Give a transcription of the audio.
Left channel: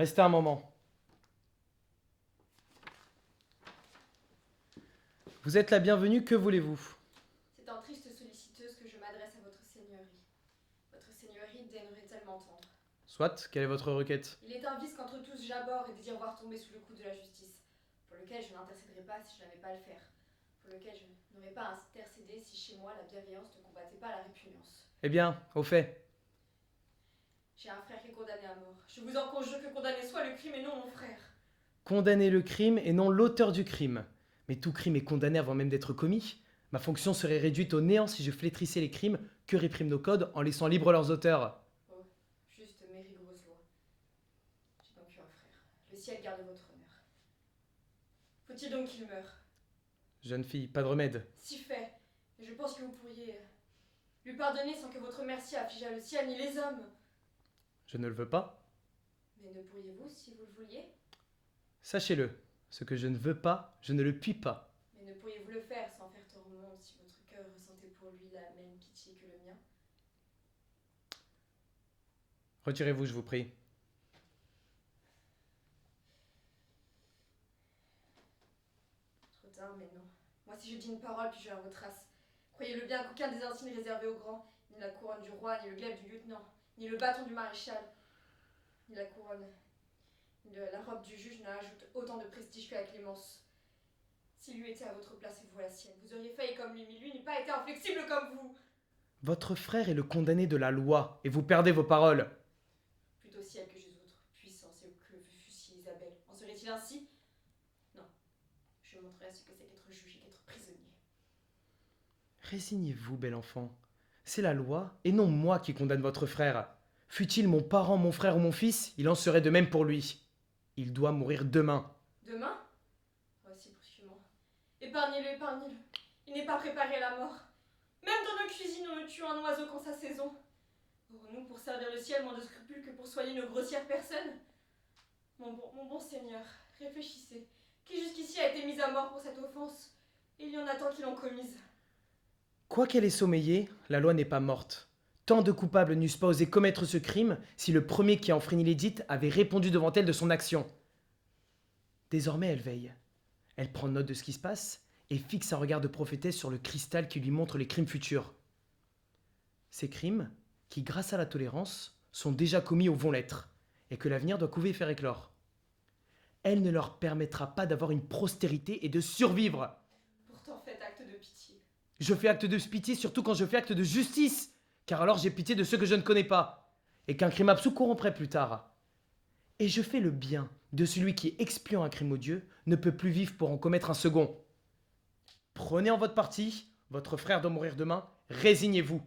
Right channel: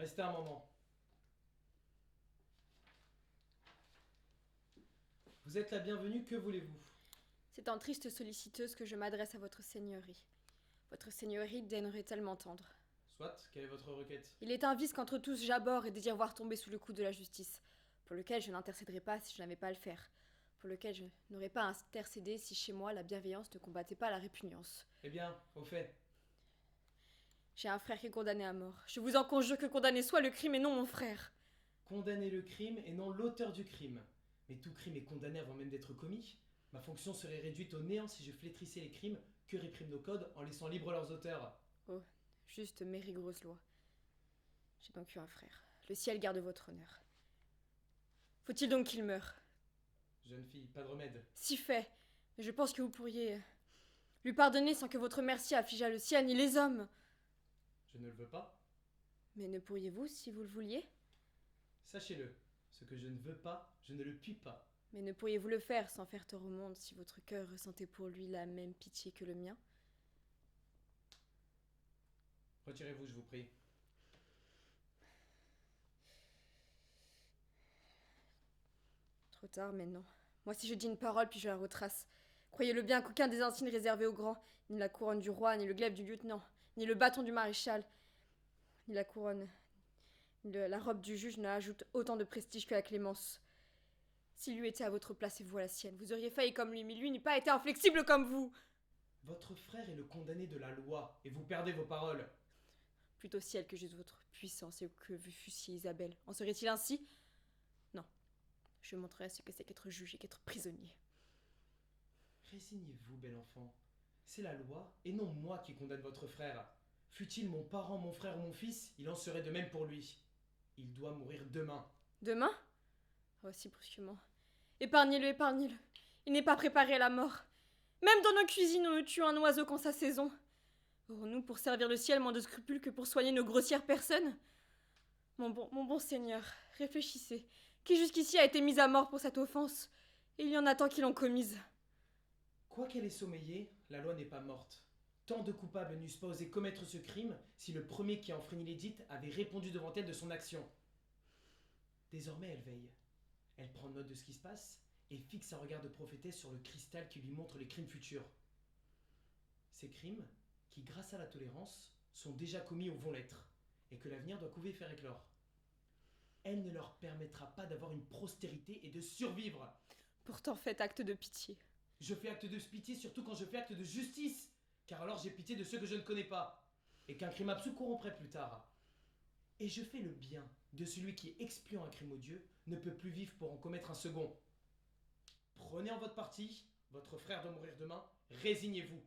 Restez un moment. Vous êtes la bienvenue, que voulez-vous? C'est en triste solliciteuse que je m'adresse à votre seigneurie. Votre seigneurie daignerait-elle m'entendre? Soit, quelle est votre requête? Il est un vice qu'entre tous j'abhorre et désire voir tomber sous le coup de la justice, pour lequel je n'intercéderai pas si je n'avais pas à le faire, pour lequel je n'aurais pas à intercéder si chez moi la bienveillance ne combattait pas la répugnance. Eh bien, au fait. J'ai un frère qui est condamné à mort. Je vous en conjure que condamné soit le crime et non mon frère. Condamner le crime et non l'auteur du crime. Mais tout crime est condamné avant même d'être commis. Ma fonction serait réduite au néant si je flétrissais les crimes que répriment nos codes en laissant libres leurs auteurs. Oh, juste mes rigoureuses lois. J'ai donc eu un frère. Le ciel garde votre honneur. Faut-il donc qu'il meure? Jeune fille, pas de remède. Si fait. Mais je pense que vous pourriez lui pardonner sans que votre merci affligeât le ciel ni les hommes. Je ne le veux pas. Mais ne pourriez-vous si vous le vouliez? Sachez-le, ce que je ne veux pas, je ne le puis pas. Mais ne pourriez-vous le faire sans faire tort au monde si votre cœur ressentait pour lui la même pitié que le mien? Retirez-vous, je vous prie. Trop tard, mais non. Moi, si je dis une parole, puis je la retrace. Croyez-le bien qu'aucun des insignes réservés aux grands, ni la couronne du roi, ni le glaive du lieutenant, ni le bâton du maréchal, ni la couronne, ni la robe du juge n'ajoute autant de prestige que la clémence. S'il eût été à votre place et vous à la sienne, vous auriez failli comme lui, mais lui n'eût pas été inflexible comme vous. Votre frère est le condamné de la loi, et vous perdez vos paroles. Plutôt ciel que j'use votre puissance et que vous fussiez Isabelle. En serait-il ainsi? Non. Je montrerai ce que c'est qu'être juge et qu'être prisonnier. Résignez-vous, bel enfant. C'est la loi, et non moi qui condamne votre frère. Fût-il mon parent, mon frère ou mon fils, il en serait de même pour lui. Il doit mourir demain. Demain? Oh, si brusquement. Épargnez-le, épargnez-le. Il n'est pas préparé à la mort. Même dans nos cuisines, on ne tue un oiseau qu'en sa saison. Aurons-nous pour servir le ciel moins de scrupules que pour soigner nos grossières personnes? Mon bon Seigneur, réfléchissez. Qui jusqu'ici a été mis à mort pour cette offense? Et il y en a tant qui l'ont commise. Quoiqu'elle ait sommeillé, la loi n'est pas morte. Tant de coupables n'eussent pas osé commettre ce crime si le premier qui a enfreint l'édite avait répondu devant elle de son action. Désormais, elle veille. Elle prend note de ce qui se passe et fixe un regard de prophétesse sur le cristal qui lui montre les crimes futurs. Ces crimes, qui grâce à la tolérance, sont déjà commis ou vont l'être, et que l'avenir doit couver et faire éclore. Elle ne leur permettra pas d'avoir une postérité et de survivre. Pourtant faites acte de pitié. Je fais acte de pitié surtout quand je fais acte de justice, car alors j'ai pitié de ceux que je ne connais pas, et qu'un crime absous corromprait plus tard. Et je fais le bien de celui qui, expiant un crime odieux, ne peut plus vivre pour en commettre un second. Prenez en votre parti, votre frère doit mourir demain, résignez-vous.